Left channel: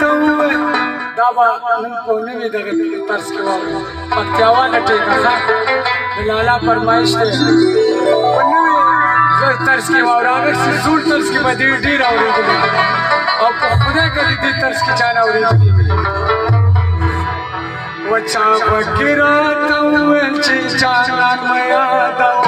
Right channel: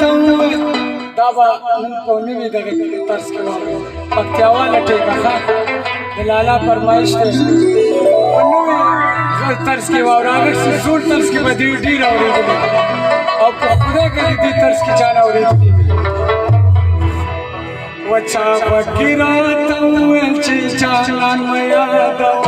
दावा कोने में दगे तर्स के वाले पक्यावा लटे का लाला फरमाइश थे कोने में तर्स के वाले अगर सिर्फ तर्स के बदी डी रावरी के अब खुदा के दी तर्स की जाना हो रही वचा बकिरा तऊ चिचान मया दाव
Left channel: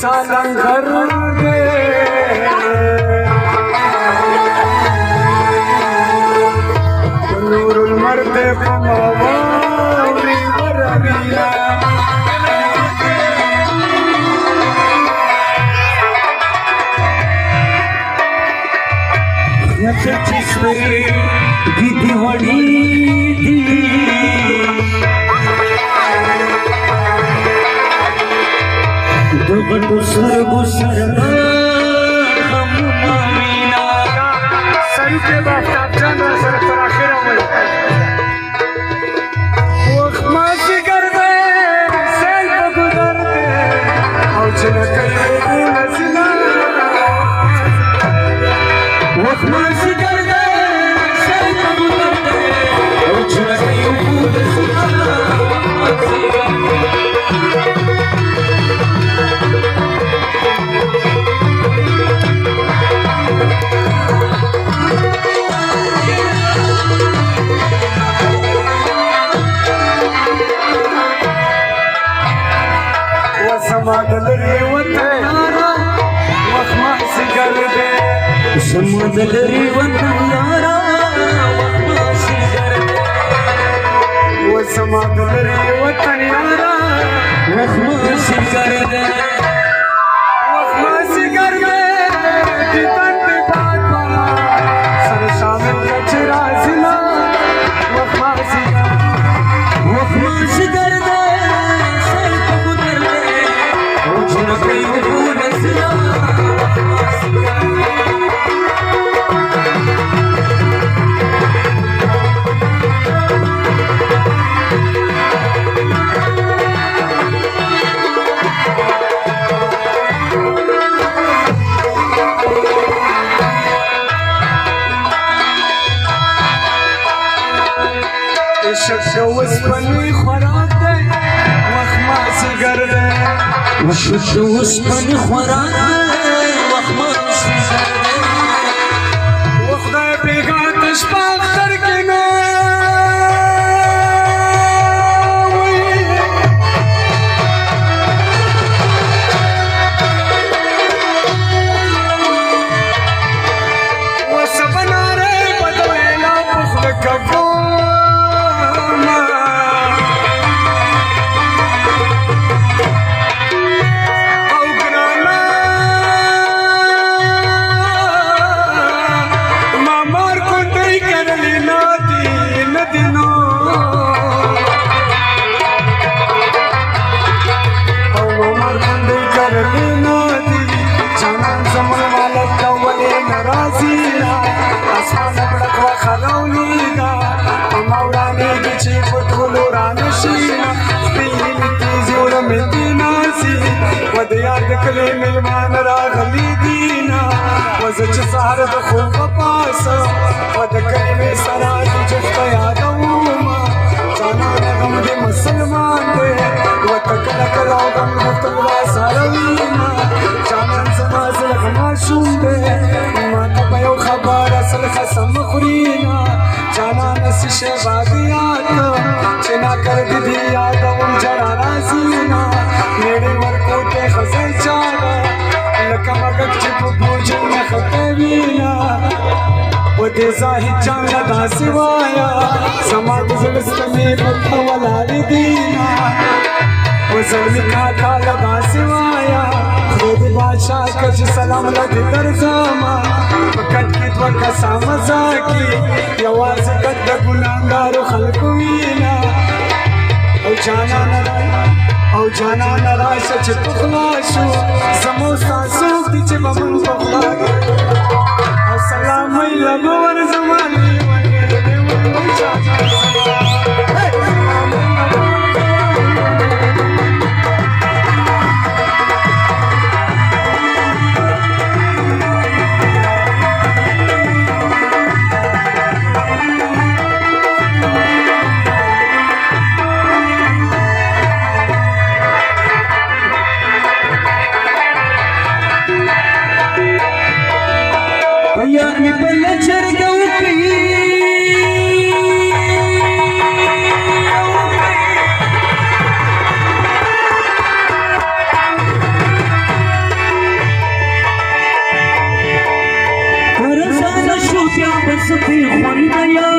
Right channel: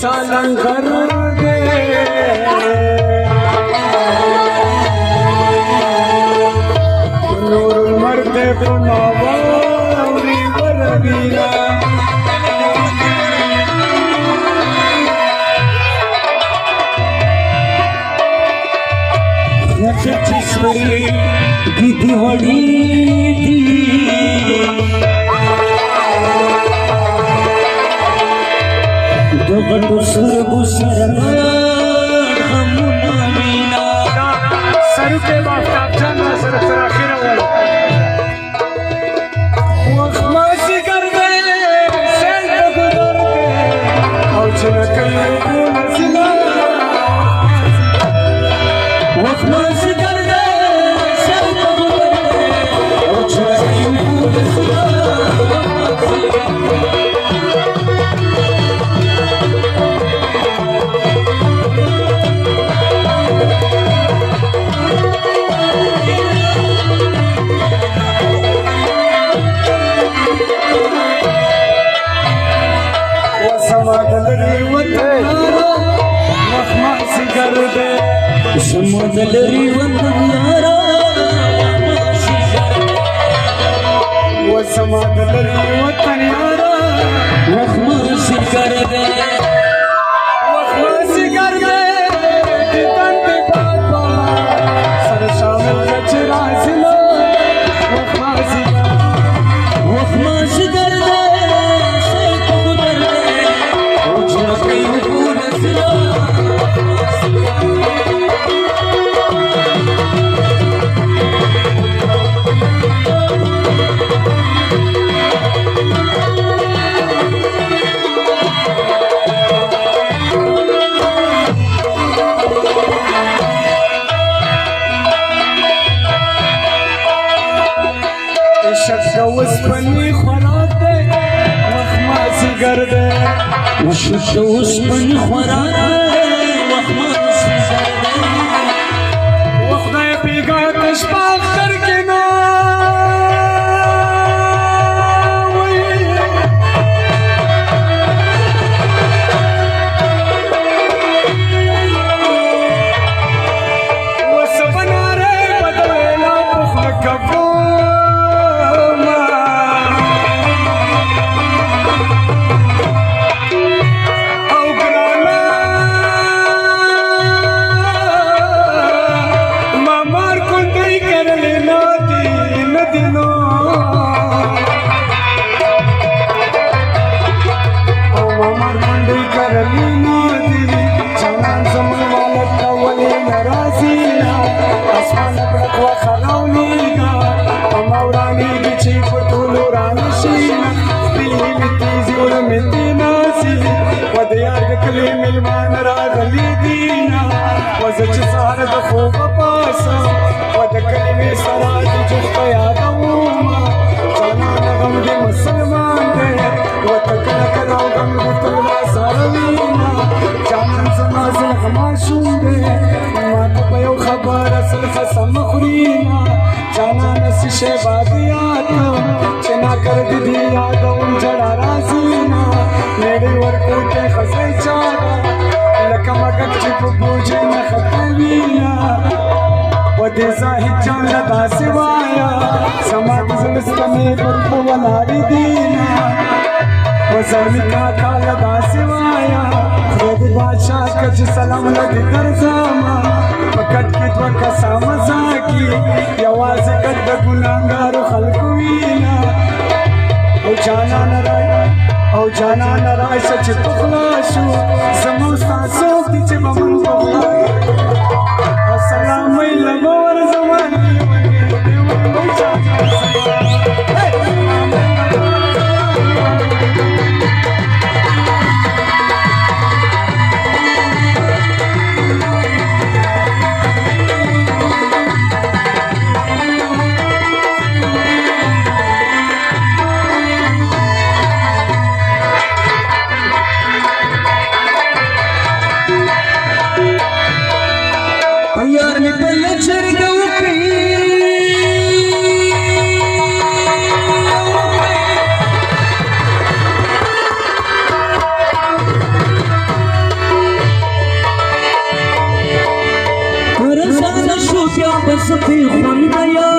सालंगर नूरुल मर्द मावरी बरबीना सच्ची गिद्धी वड़ी दी दोगल गुसर गुसर हम मीना सर के बाद चंद्र सर पर आखिर वाला वक्त मासी कर दे सेल पे गुजर दे और चल कहीं नसीना वक्त मासी कर दे सेल पे गुजर दे और चल कहीं नसीना समदलरी वतनियारा वो समदलरी वतनियारा वखमासी कर दे वखमासी कर दे कितन पे बात सर शामिल कचरा जिला वखमासी कर दे सर को गुजर दे मुझे कहीं भूल सिला وسپنی خوراک دی وخماسی ګرده وسپنی خوراک دی وخماسی ګرده وخدای بیګا تشپا اختر کې نو وسبناره بدویلا پخل کګو ملمان راغلی دینا وزچ سهر د خوب پاسه و د کلمې سره د جفت یادوما جانا غم د مسلمان دی و تکل کلا غم د تلا سره وینا جانا زما زړه معصوم دی ما ته په یو خبر اصل قسم خورينا جانا نس شه بادیات چې نا کړ دي یادوم جړا راسینا میری ورکوټه خزای چاله لکه مګک چې په بوجه نه ختمينا و دې زاهد جان داسې وایا سما د زلستمې په ولارې دینا و زلمی کا کال داسې وایا خود بادشاہ کچ سلام لدې درځما پکټ کې دوه کسا مزاکی یوازې کډ د ګناګارو خلکو وینا او جانا نراشه چې پخلا شو زمو تاسو دي چې بمون پخلا السلام علیکم ور زمانه यार में पल्ले चढ़ गई रसाना शूटिया बस भी खुन गया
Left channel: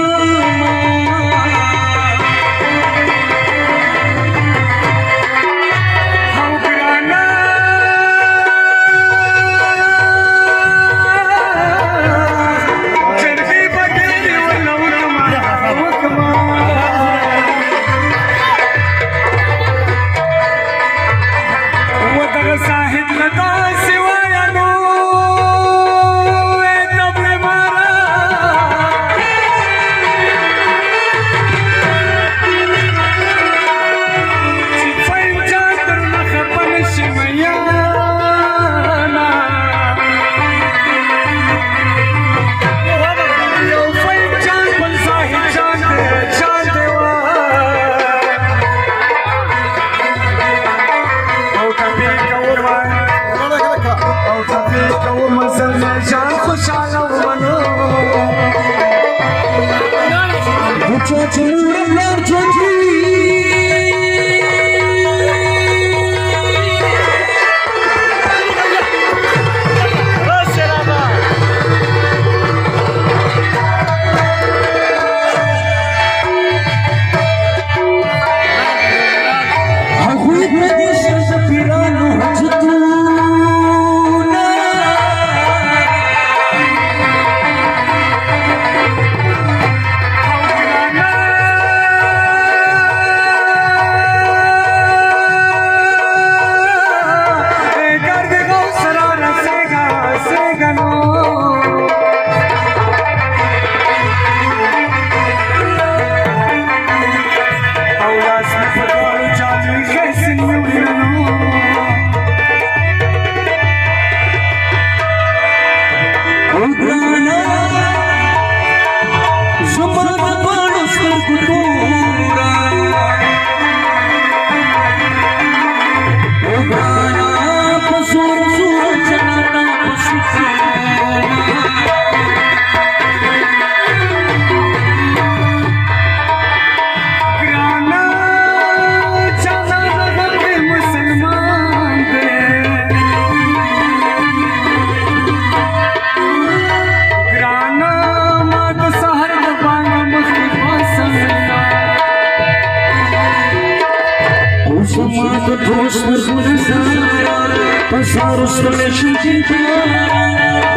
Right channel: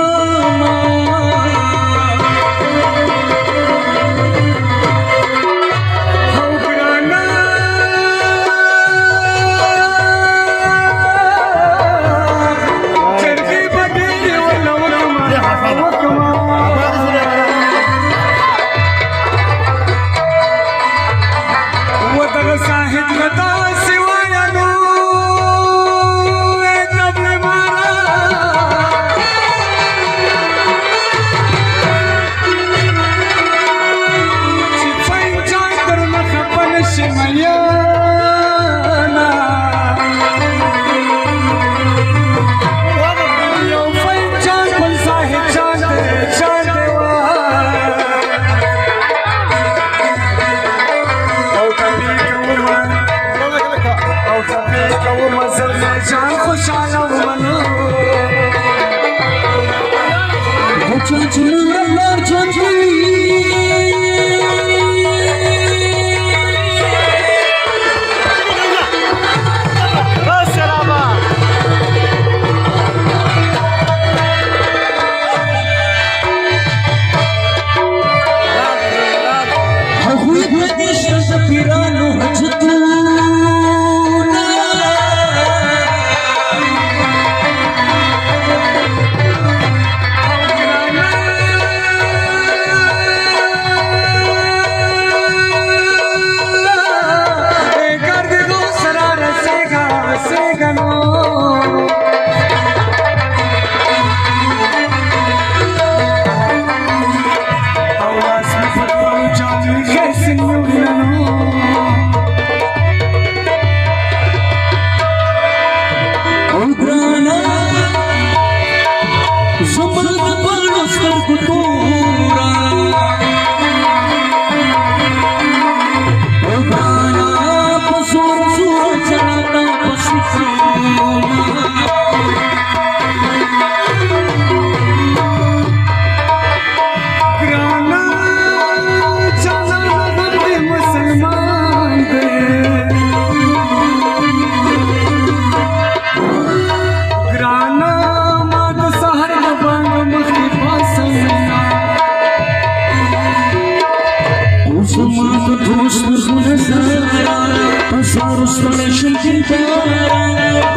او فکر کوم زلمی جان خوشحاله ومنه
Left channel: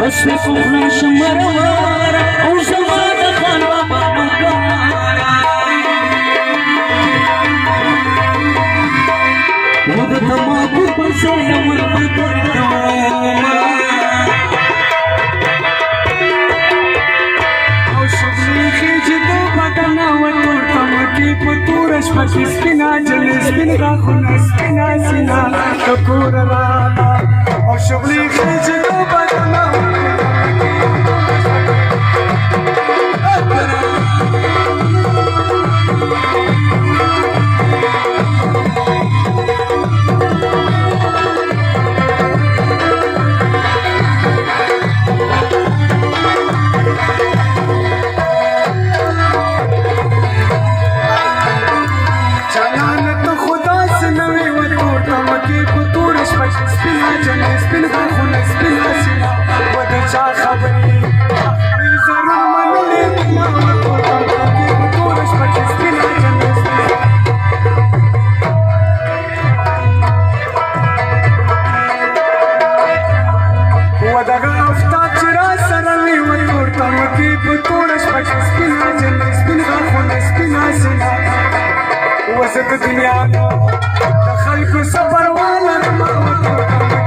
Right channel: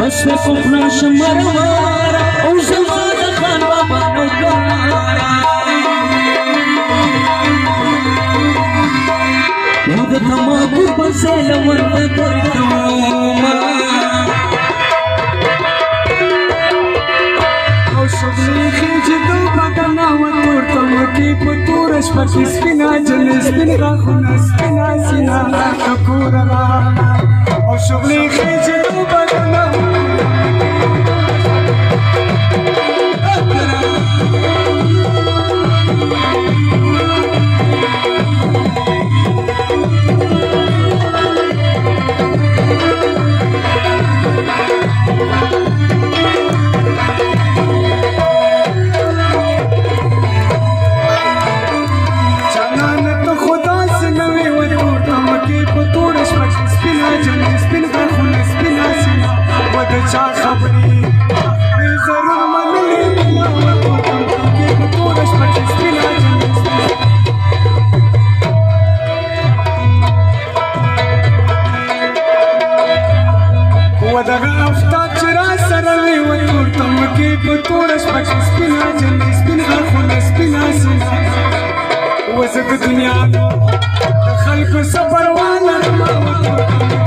بس فخر شمروار او زمان خان بابا نوکار او تماکو پسین ورد کردوما او شغلی خیجی دو بدنا ورطم کی پتورش پکی سپینا جلی سپین غاخونا سپینا سینا ککورا او شغلی خیجی دو بدنا وزك دنيا دخلك صبر ولا ما